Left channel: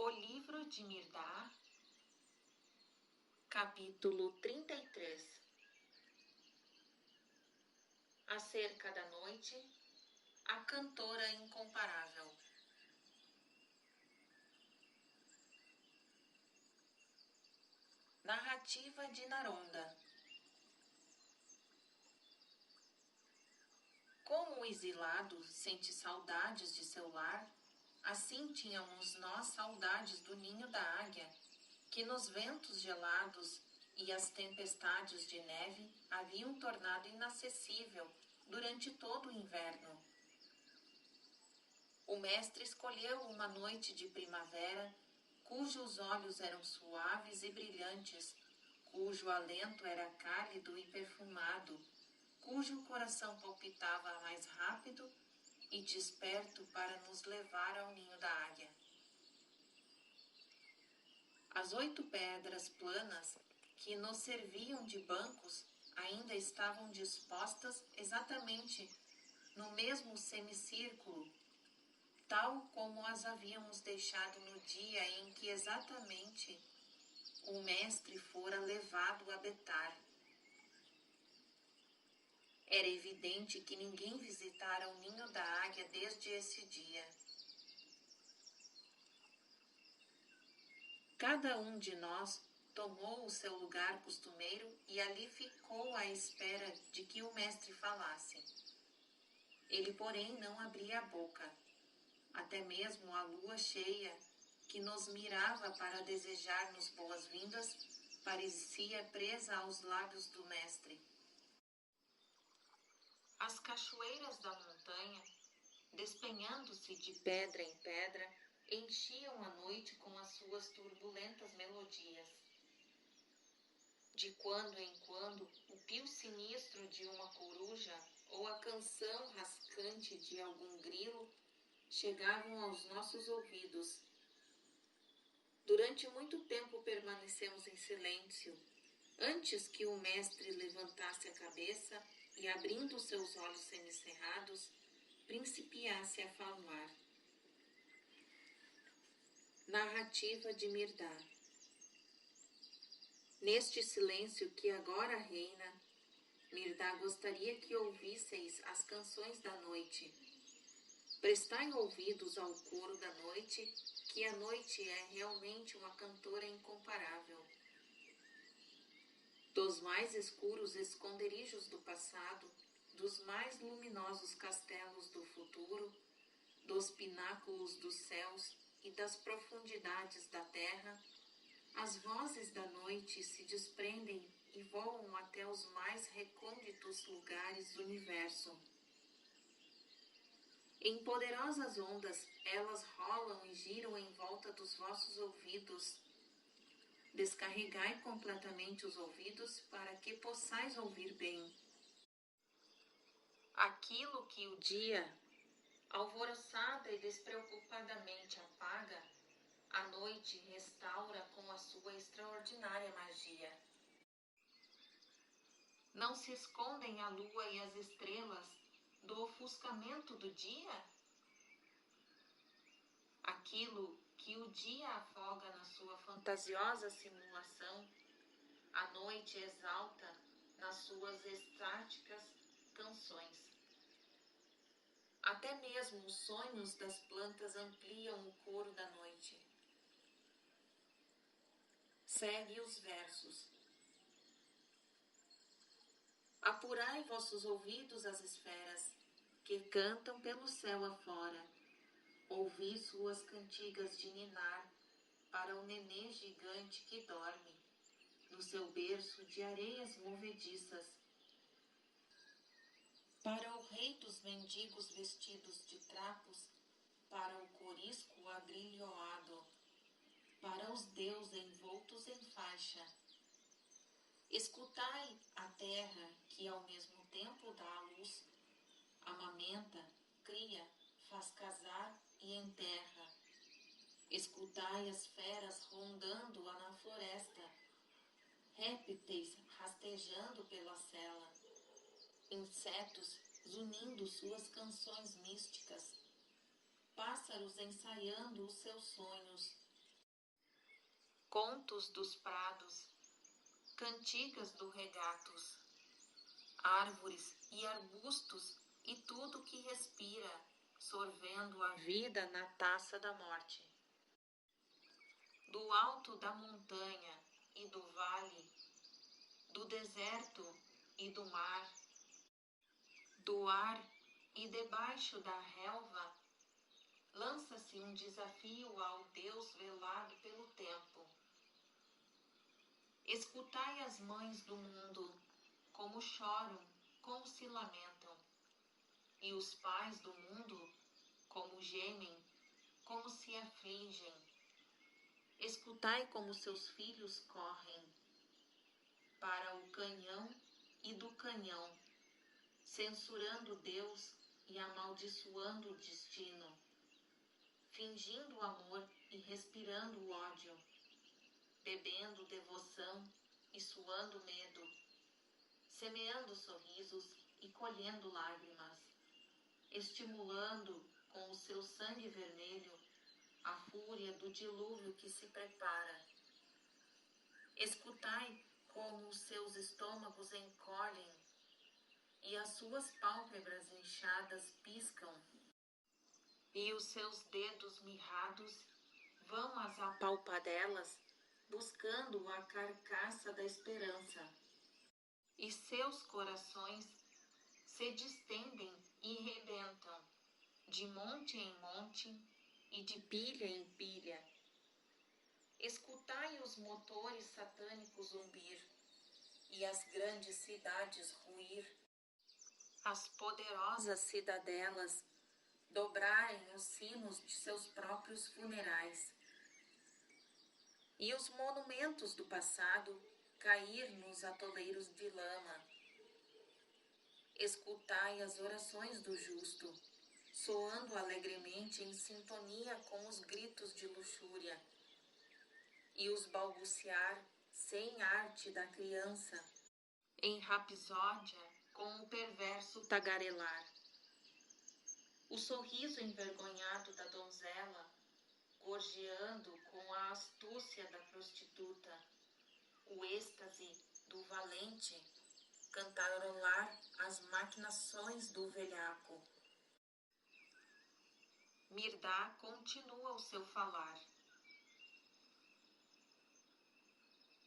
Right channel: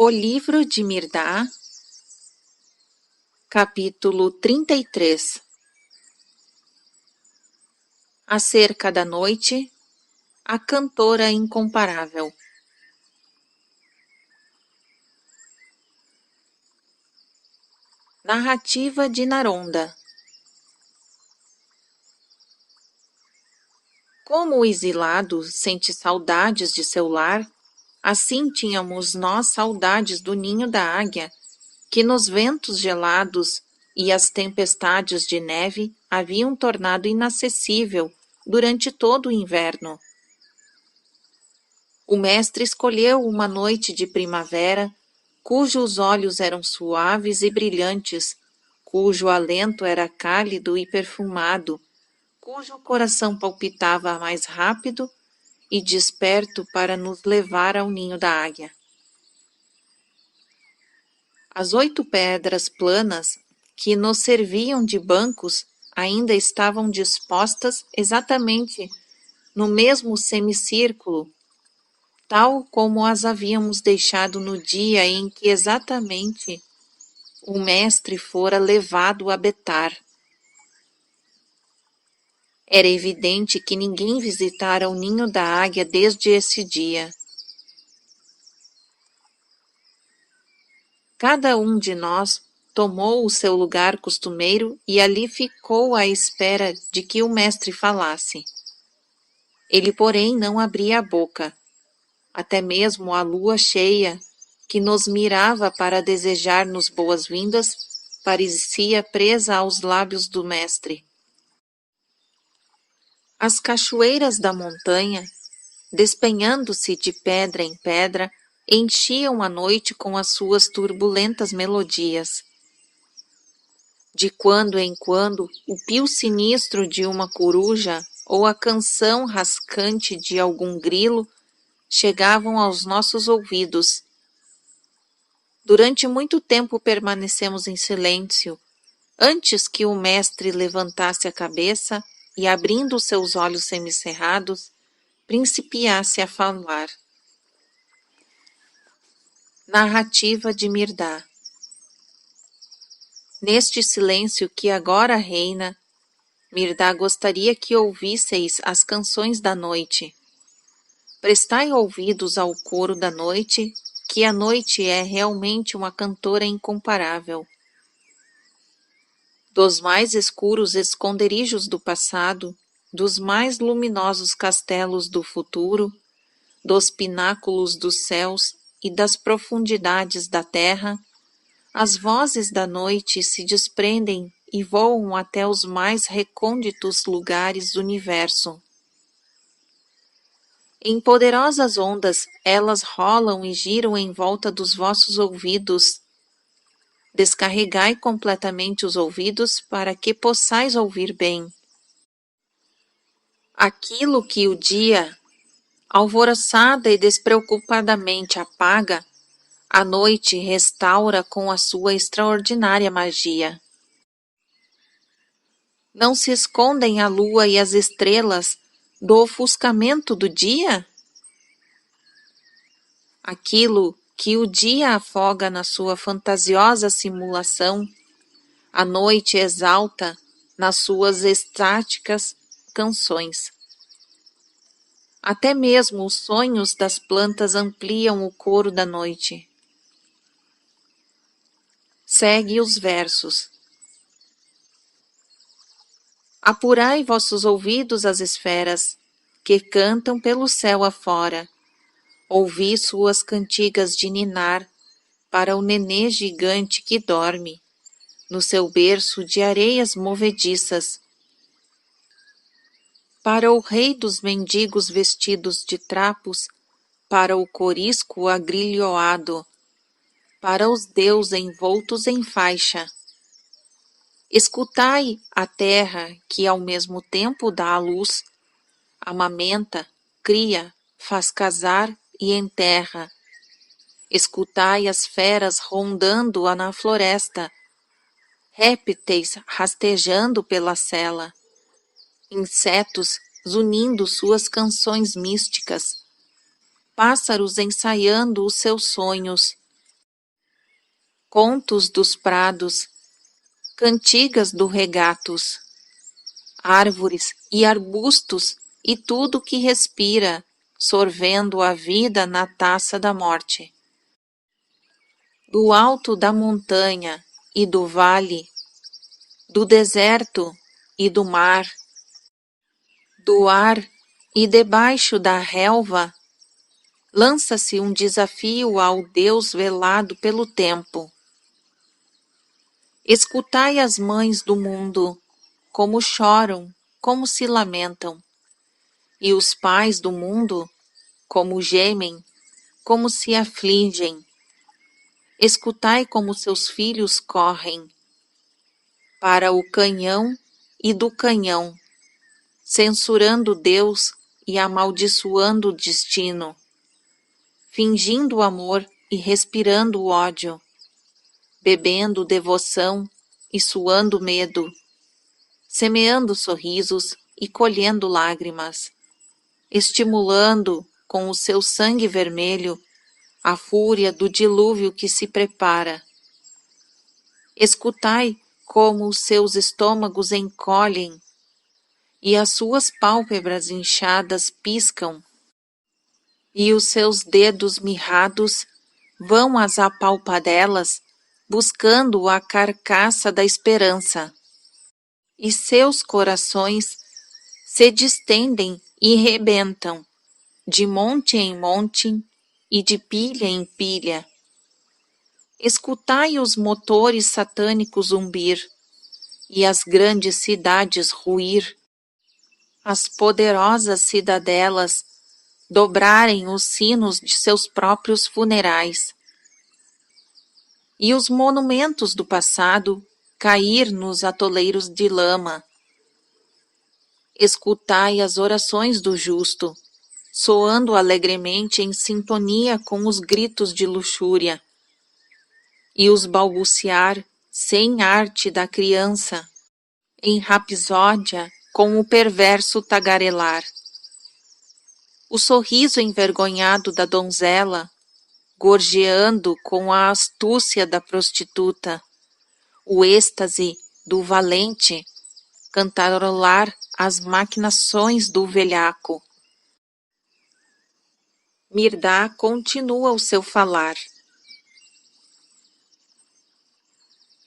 O livro de Mirdá, capítulo 33. Acerca da noite, a cantora incomparável. Narrativa de Naronda. Como o exilado sente saudades de seu lar, assim tínhamos nós saudades do ninho da águia, que nos ventos gelados e as tempestades de neve haviam tornado inacessível durante todo o inverno. O mestre escolheu uma noite de primavera, cujos olhos eram suaves e brilhantes, cujo alento era cálido e perfumado, cujo coração palpitava mais rápido e desperto para nos levar ao ninho da águia. As 8 pedras planas que nos serviam de bancos ainda estavam dispostas exatamente no mesmo semicírculo, tal como as havíamos deixado no dia em que exatamente o mestre fora levado a Betar. Era evidente que ninguém visitara o ninho da águia desde esse dia. Cada um de nós tomou o seu lugar costumeiro e ali ficou à espera de que o mestre falasse. Ele, porém, não abria a boca. Até mesmo a lua cheia, que nos mirava para desejar-nos boas-vindas, parecia presa aos lábios do mestre. As cachoeiras da montanha, despenhando-se de pedra em pedra, enchiam a noite com as suas turbulentas melodias. De quando em quando, o pio sinistro de uma coruja ou a canção rascante de algum grilo chegavam aos nossos ouvidos. Durante muito tempo permanecemos em silêncio, antes que o mestre levantasse a cabeça e, abrindo seus olhos semicerrados, principiasse a falar. Narrativa de Mirdá. Neste silêncio que agora reina, Mirdá gostaria que ouvisseis as canções da noite. Prestai ouvidos ao coro da noite, que a noite é realmente uma cantora incomparável. Dos mais escuros esconderijos do passado, dos mais luminosos castelos do futuro, dos pináculos dos céus e das profundidades da terra, as vozes da noite se desprendem e voam até os mais recônditos lugares do universo. Em poderosas ondas, elas rolam e giram em volta dos vossos ouvidos. Descarregai completamente os ouvidos para que possais ouvir bem. Aquilo que o dia, alvoroçada e despreocupadamente apaga, a noite restaura com a sua extraordinária magia. Não se escondem a lua e as estrelas do ofuscamento do dia? Aquilo que o dia afoga na sua fantasiosa simulação, a noite exalta nas suas estáticas canções. Até mesmo os sonhos das plantas ampliam o coro da noite. Segue os versos. Apurai vossos ouvidos às esferas, que cantam pelo céu afora. Ouvi suas cantigas de ninar para o nenê gigante que dorme no seu berço de areias movediças, para o rei dos mendigos vestidos de trapos, para o corisco agrilhoado, para os deus envoltos em faixa. Escutai a terra que ao mesmo tempo dá à luz, amamenta, cria, faz casar e enterra. Escutai as feras rondando-a na floresta, répteis rastejando pela sela, insetos zunindo suas canções místicas, pássaros ensaiando os seus sonhos, contos dos prados, cantigas do regatos, árvores e arbustos e tudo que respira, sorvendo a vida na taça da morte. Do alto da montanha e do vale, do deserto e do mar, do ar e debaixo da relva, lança-se um desafio ao Deus velado pelo tempo. Escutai as mães do mundo, como choram, como se lamentam, e os pais do mundo, como gemem, como se afligem. Escutai como seus filhos correm para o canhão e do canhão, censurando Deus e amaldiçoando o destino, fingindo amor e respirando ódio, bebendo devoção e suando medo, semeando sorrisos e colhendo lágrimas, estimulando com o seu sangue vermelho a fúria do dilúvio que se prepara. Escutai como os seus estômagos encolhem e as suas pálpebras inchadas piscam, e os seus dedos mirrados vão às apalpadelas buscando a carcaça da esperança, e seus corações se distendem e rebentam, de monte em monte e de pilha em pilha. Escutai os motores satânicos zumbir e as grandes cidades ruir, as poderosas cidadelas dobrarem os sinos de seus próprios funerais, e os monumentos do passado cair nos atoleiros de lama. Escutai as orações do justo, soando alegremente em sintonia com os gritos de luxúria, e os balbuciar sem arte da criança, em rapsódia com o perverso tagarelar. O sorriso envergonhado da donzela, gorjeando com a astúcia da prostituta, o êxtase do valente, cantarolar as maquinações do velhaco. Mirdá continua o seu falar.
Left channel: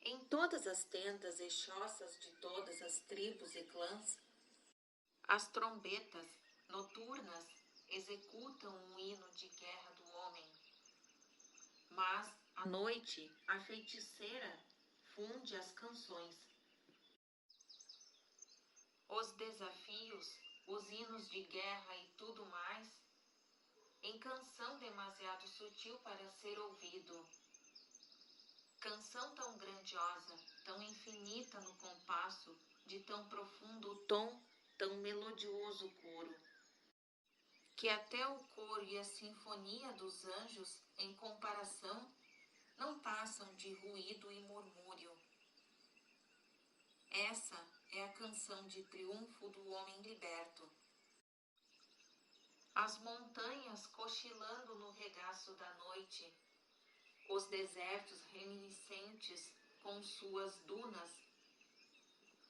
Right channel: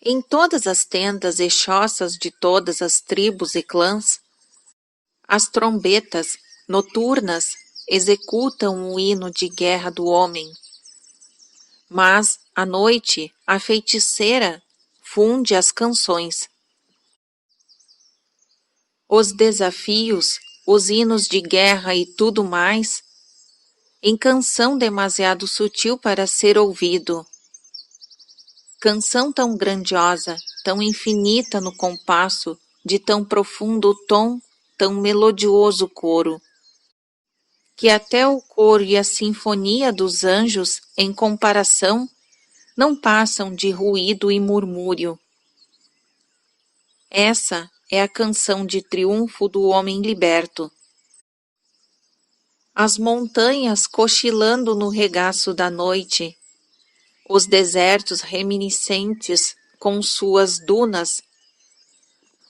Em todas as tendas e choças de todas as tribos e clãs, as trombetas noturnas executam o hino de guerra do homem. Mas, à noite, a feiticeira funde as canções. Os desafios, os hinos de guerra e tudo mais, em canção demasiado sutil para ser ouvido. Canção tão grandiosa, tão infinita no compasso, de tão profundo tom, tão melodioso coro, que até o coro e a sinfonia dos anjos, em comparação, não passam de ruído e murmúrio. Essa é a canção de triunfo do homem liberto. As montanhas cochilando no regaço da noite, os desertos reminiscentes com suas dunas,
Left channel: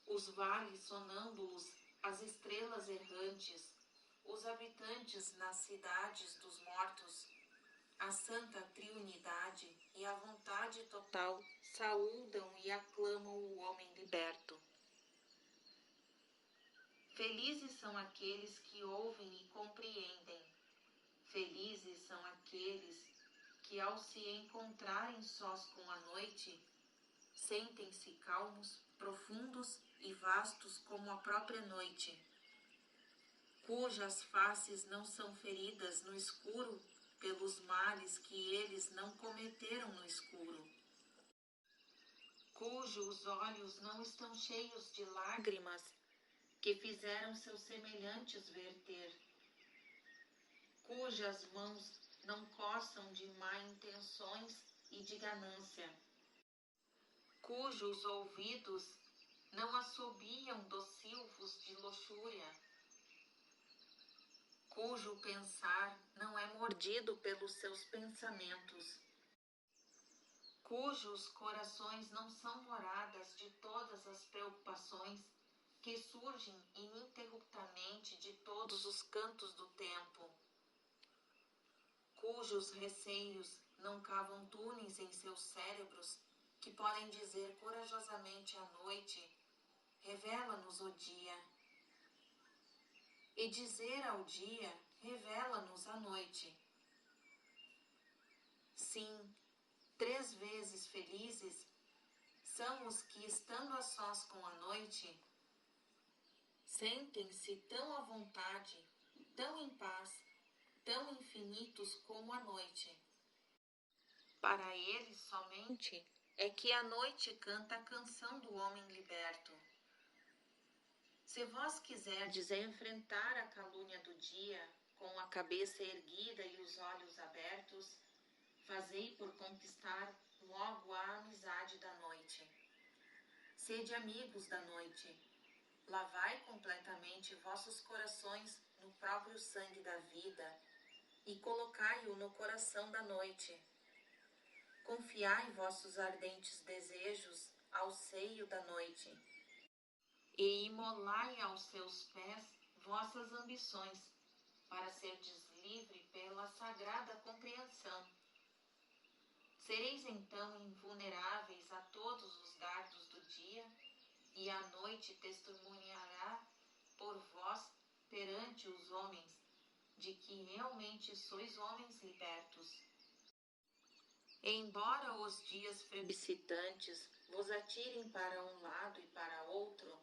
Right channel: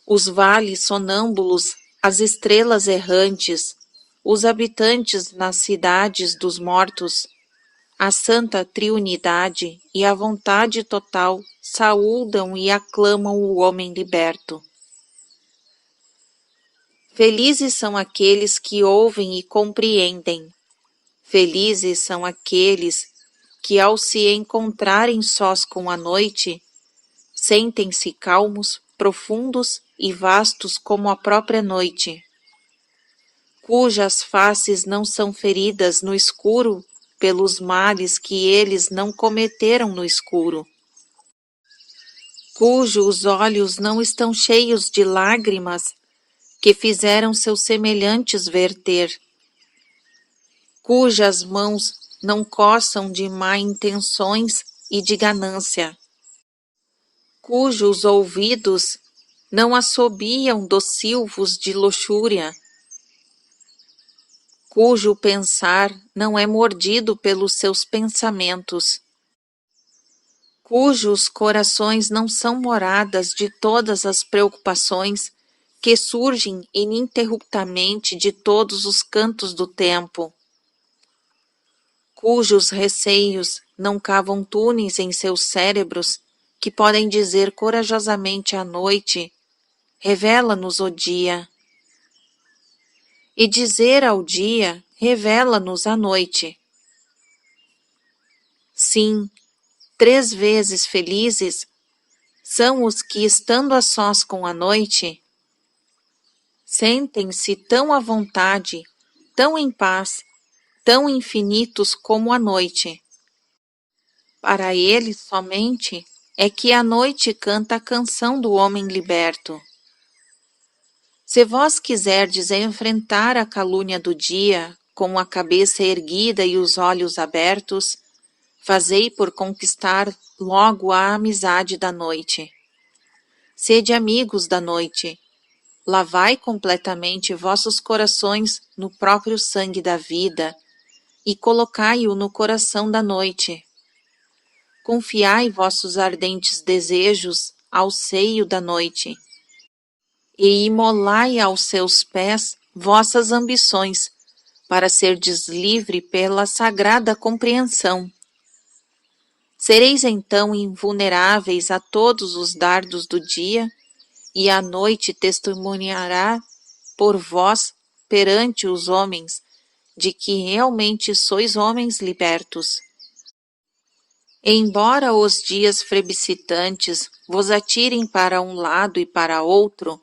os vales sonâmbulos, as estrelas errantes, os habitantes nas cidades dos mortos, a santa triunidade e a vontade total saúdam e aclamam o homem liberto. Felizes são aqueles que ouvem e compreendem. Felizes são aqueles que, ao se encontrarem sós com a noite, sentem-se calmos, profundos e vastos como a própria noite, cujas faces não são feridas no escuro pelos males que eles não cometeram no escuro, cujos olhos não estão cheios de lágrimas que fizeram seus semelhantes verter, cujas mãos não coçam de má intenções e de ganância, cujos ouvidos não assobiam dos silvos de luxúria, cujo pensar não é mordido pelos seus pensamentos, cujos corações não são moradas de todas as preocupações que surgem ininterruptamente de todos os cantos do tempo, cujos receios não cavam túneis em seus cérebros, que podem dizer corajosamente à noite: revela-nos o dia, e dizer ao dia: revela-nos a noite. Sim, 3 vezes felizes são os que, estando a sós com a noite, sentem-se tão à vontade, tão em paz, tão infinitos como a noite. Para eles somente é que a noite canta a canção do homem liberto. Se vós quiserdes enfrentar a calúnia do dia, com a cabeça erguida e os olhos abertos, fazei por conquistar logo a amizade da noite. Sede amigos da noite. Lavai completamente vossos corações no próprio sangue da vida e colocai-o no coração da noite. Confiai vossos ardentes desejos ao seio da noite e imolai aos seus pés vossas ambições, para serdes livre pela sagrada compreensão. Sereis então invulneráveis a todos os dardos do dia, e a noite testemunhará por vós perante os homens de que realmente sois homens libertos. Embora os dias plebiscitantes vos atirem para um lado e para outro,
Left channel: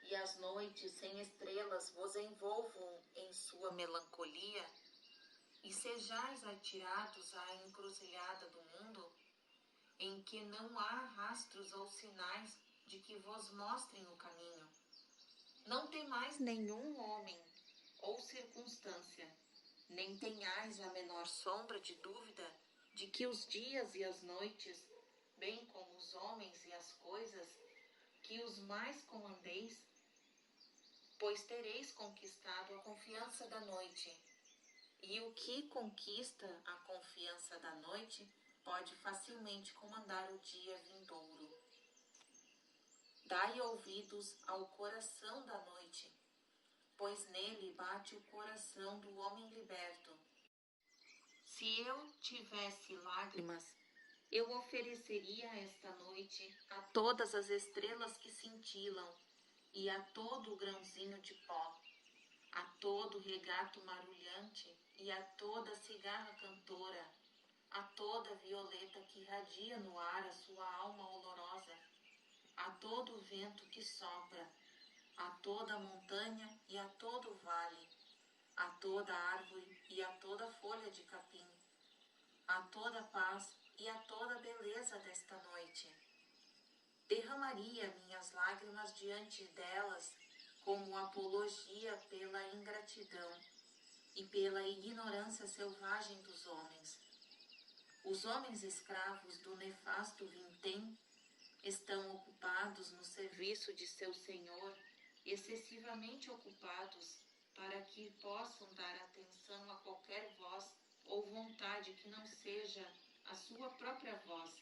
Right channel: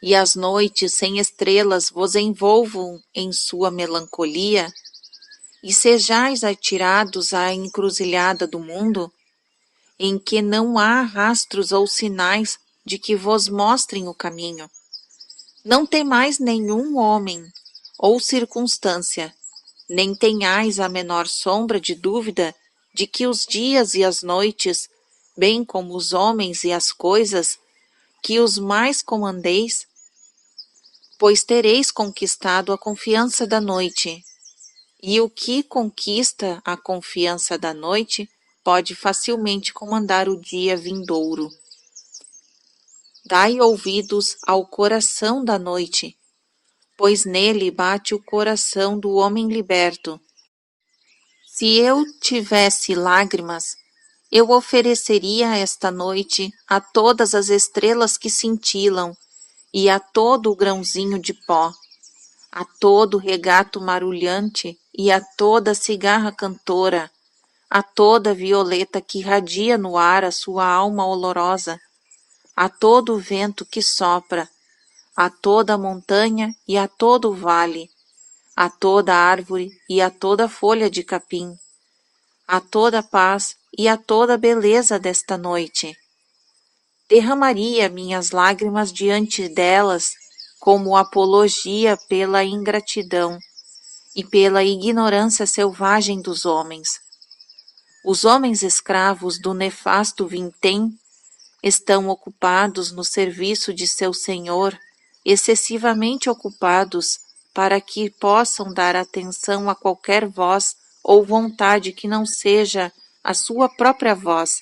e as noites sem estrelas vos envolvam em sua melancolia, e sejais atirados à encruzilhada do mundo, em que não há rastros ou sinais de que vos mostrem o caminho. Não temais nenhum homem ou circunstância, nem tenhais a menor sombra de dúvida de que os dias e as noites, bem como os homens e as coisas, que os mais comandeis, pois tereis conquistado a confiança da noite. E o que conquista a confiança da noite pode facilmente comandar o dia vindouro. Dai ouvidos ao coração da noite, pois nele bate o coração do homem liberto. Se eu tivesse lágrimas, eu ofereceria esta noite a todas as estrelas que cintilam e a todo o grãozinho de pó, a todo o regato marulhante e a toda a cigarra cantora, a toda a violeta que irradia no ar a sua alma olorosa, a todo o vento que sopra, a toda a montanha e a todo o vale, a toda a árvore e a toda a folha de capim, a toda a paz e a toda a beleza desta noite. Derramaria minhas lágrimas diante delas como apologia pela ingratidão e pela ignorância selvagem dos homens. Os homens escravos do nefasto vintém estão ocupados no serviço de seu senhor, excessivamente ocupados para que possam dar atenção a qualquer voz ou vontade que não seja a sua própria voz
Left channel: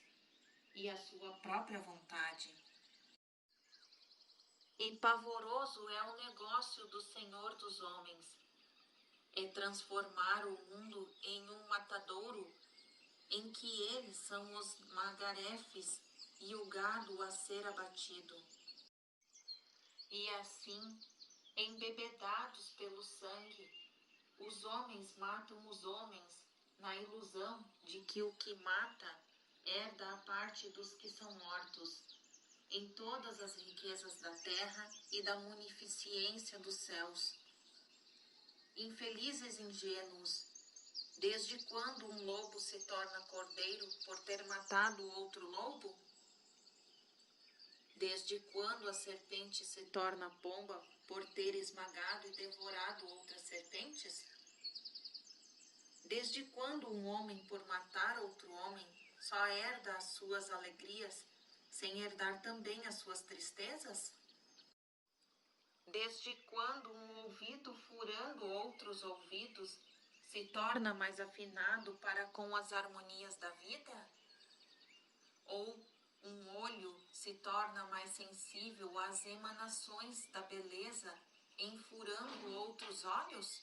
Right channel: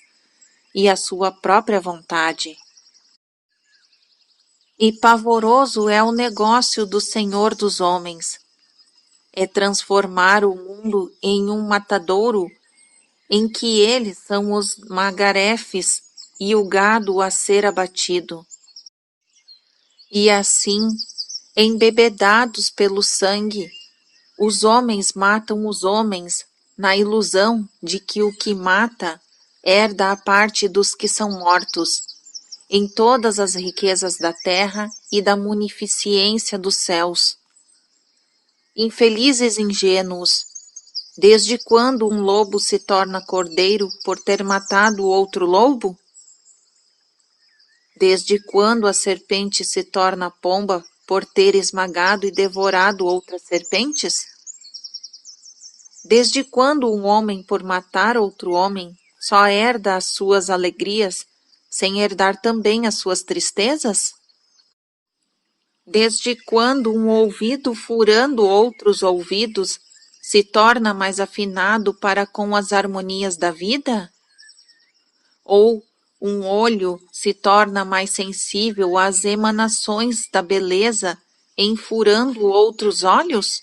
e a sua própria vontade. E pavoroso é o negócio do Senhor dos homens. É transformar o mundo em um matadouro em que eles são os magarefes e o gado a ser abatido. E assim, embebedados pelo sangue, os homens matam os homens na ilusão de que o que mata herda a parte dos que são mortos, em todas as riquezas da terra e da munificência dos céus. Infelizes ingênuos, desde quando um lobo se torna cordeiro por ter matado outro lobo? Desde quando a serpente se torna pomba por ter esmagado e devorado outras serpentes? Desde quando um homem, por matar outro homem, só herda as suas alegrias, sem herdar também as suas tristezas? Desde quando um ouvido, furando outros ouvidos, se torna mais afinado para com as harmonias da vida? Ou um olho se torna mais sensível às emanações da beleza, enfurando outros olhos?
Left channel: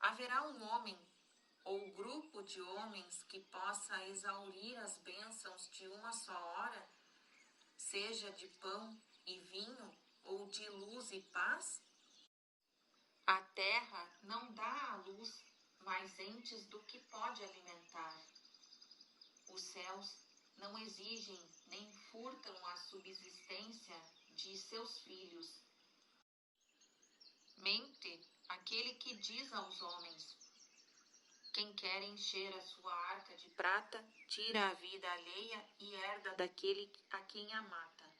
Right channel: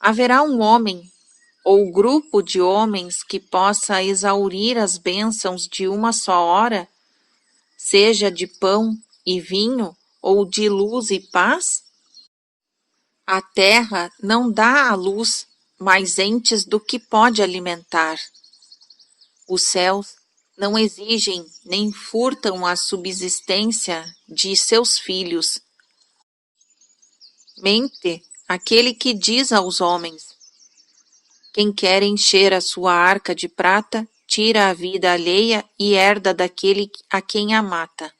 Haverá um homem ou grupo de homens que possa exaurir as bênçãos de uma só hora, seja de pão e vinho ou de luz e paz? A terra não dá à luz mais entes do que pode alimentar. Os céus não exigem nem furtam a subsistência de seus filhos. Mente aquele que diz aos homens: quem quer encher a sua arca de prata, tira a vida alheia e herda daquele a quem a mata.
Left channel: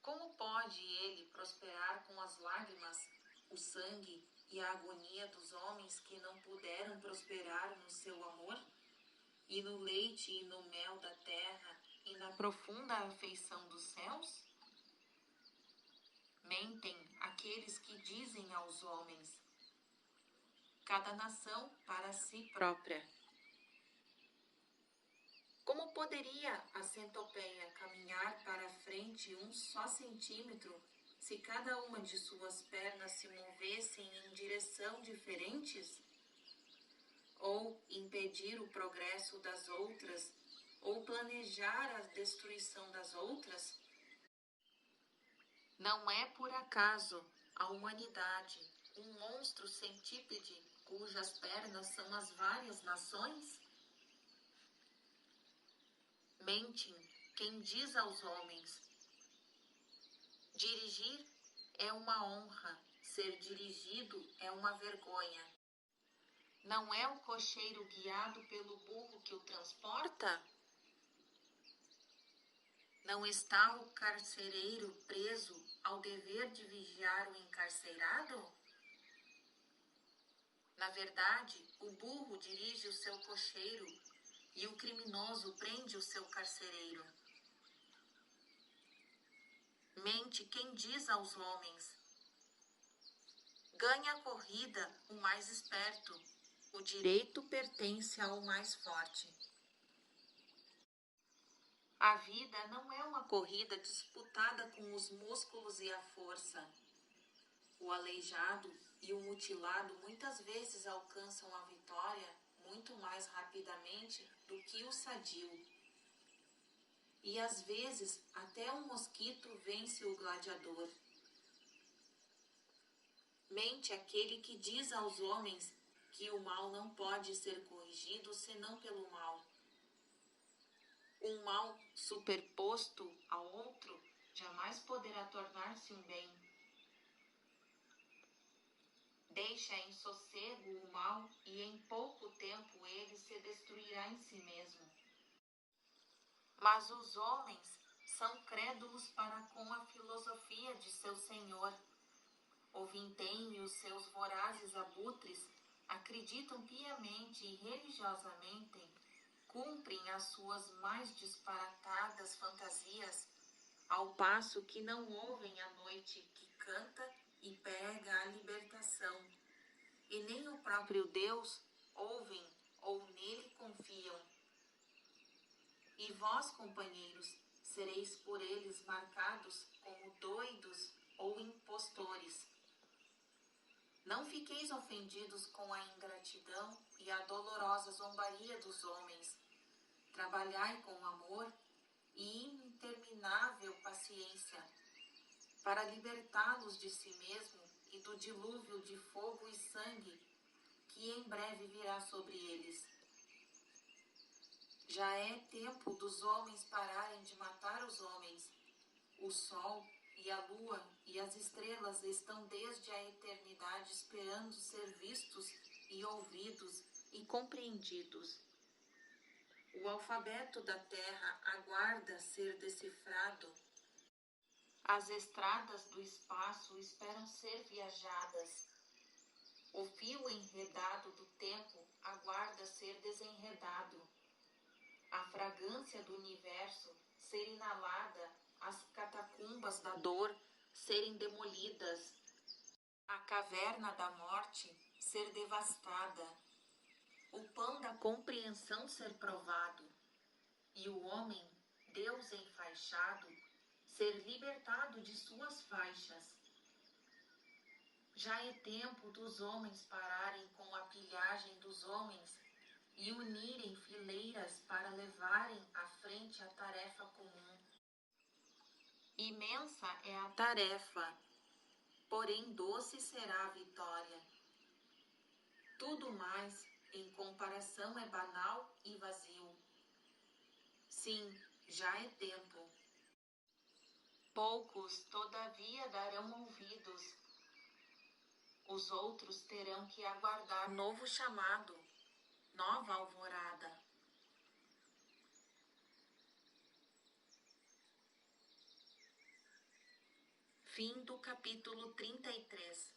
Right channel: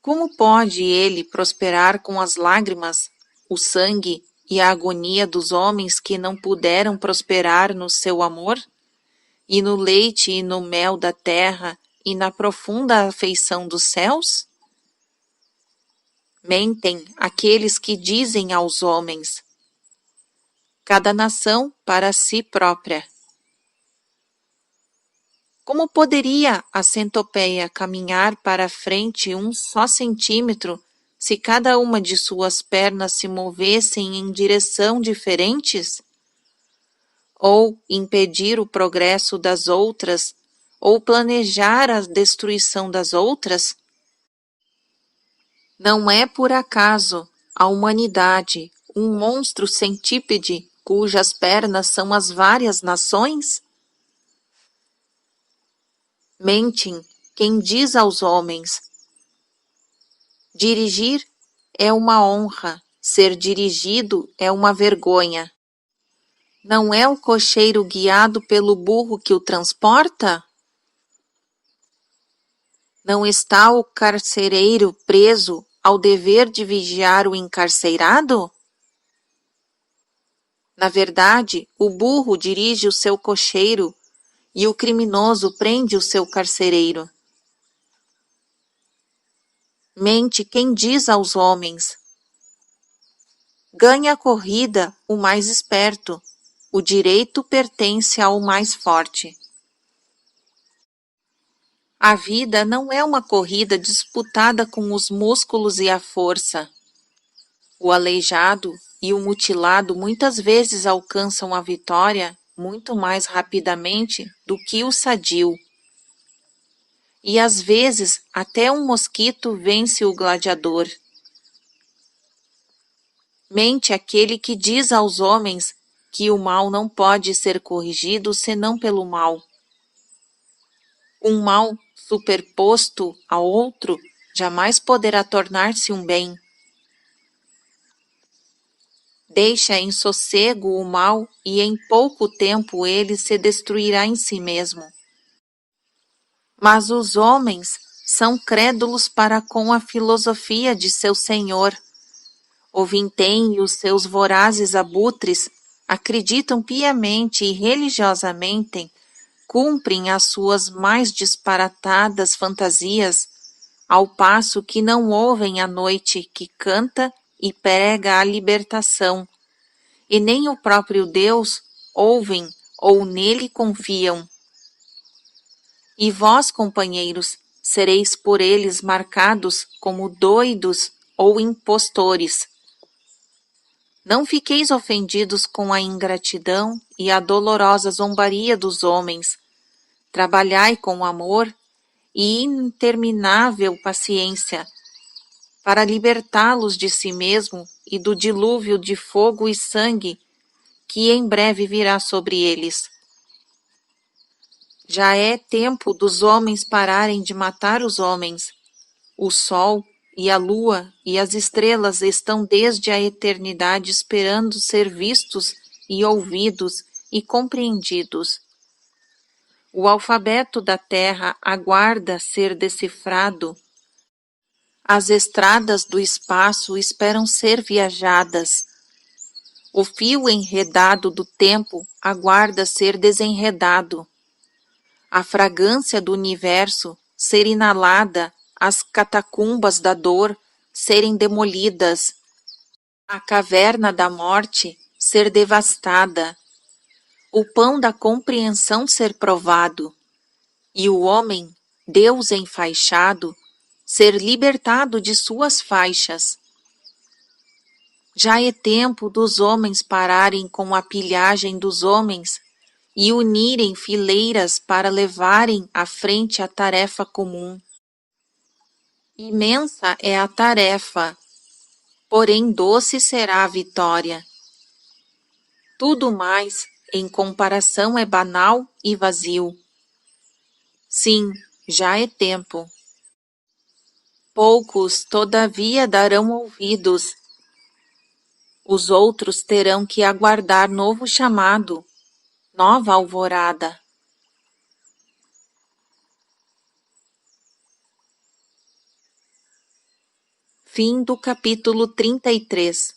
Como pode ele prosperar com as lágrimas, o sangue e a agonia dos homens que não puderam prosperar no seu amor? E no leite e no mel da terra e na profunda afeição dos céus? Mentem aqueles que dizem aos homens: cada nação para si própria. Como poderia a centopeia caminhar para frente um só centímetro se cada uma de suas pernas se movessem em direção diferentes? Ou impedir o progresso das outras, ou planejar a destruição das outras? Não é por acaso a humanidade um monstro centípede cujas pernas são as várias nações? Mentem quem diz aos homens: dirigir é uma honra, ser dirigido é uma vergonha. Não é o cocheiro guiado pelo burro que o transporta? Não está o carcereiro preso ao dever de vigiar o encarcerado? Na verdade, o burro dirige o seu cocheiro e o criminoso prende o seu carcereiro. Mente quem diz aos homens: ganha a corrida o mais esperto, o direito pertence ao mais forte. A vida não é uma corrida disputada com os músculos e a força. O aleijado e o mutilado muitas vezes alcançam a vitória muito mais rapidamente do que o sadio. E às vezes até um mosquito vence o gladiador. Mente aquele que diz aos homens que o mal não pode ser corrigido senão pelo mal. Um mal superposto a outro jamais poderá tornar-se um bem. Deixa em sossego o mal e em pouco tempo ele se destruirá em si mesmo. Mas os homens são crédulos para com a filosofia de seu senhor. O vintém e os seus vorazes abutres acreditam piamente e religiosamente, cumprem as suas mais disparatadas fantasias, ao passo que não ouvem a noite que canta e prega a libertação, e nem o próprio Deus ouvem ou nele confiam. E vós, companheiros, sereis por eles marcados como doidos ou impostores. Não fiqueis ofendidos com a ingratidão e a dolorosa zombaria dos homens. Trabalhai com amor e interminável paciência, para libertá-los de si mesmo e do dilúvio de fogo e sangue que em breve virá sobre eles. Já é tempo dos homens pararem de matar os homens. O sol e a lua e as estrelas estão desde a eternidade esperando ser vistos e ouvidos e compreendidos. O alfabeto da terra aguarda ser decifrado. As estradas do espaço esperam ser viajadas. O fio enredado do tempo aguarda ser desenredado. A fragrância do universo ser inalada, as catacumbas da dor serem demolidas, a caverna da morte ser devastada, o pão da compreensão ser provado, e o homem, Deus enfaixado, ser libertado de suas faixas. Já é tempo dos homens pararem com a pilhagem dos homens e unirem fileiras para levarem à frente a tarefa comum. Imensa é a tarefa, porém doce será a vitória. Tudo mais, em comparação, é banal e vazio. Sim, já é tempo. Poucos, todavia, darão ouvidos. Os outros terão que aguardar novo chamado, nova alvorada. Fim do capítulo 33.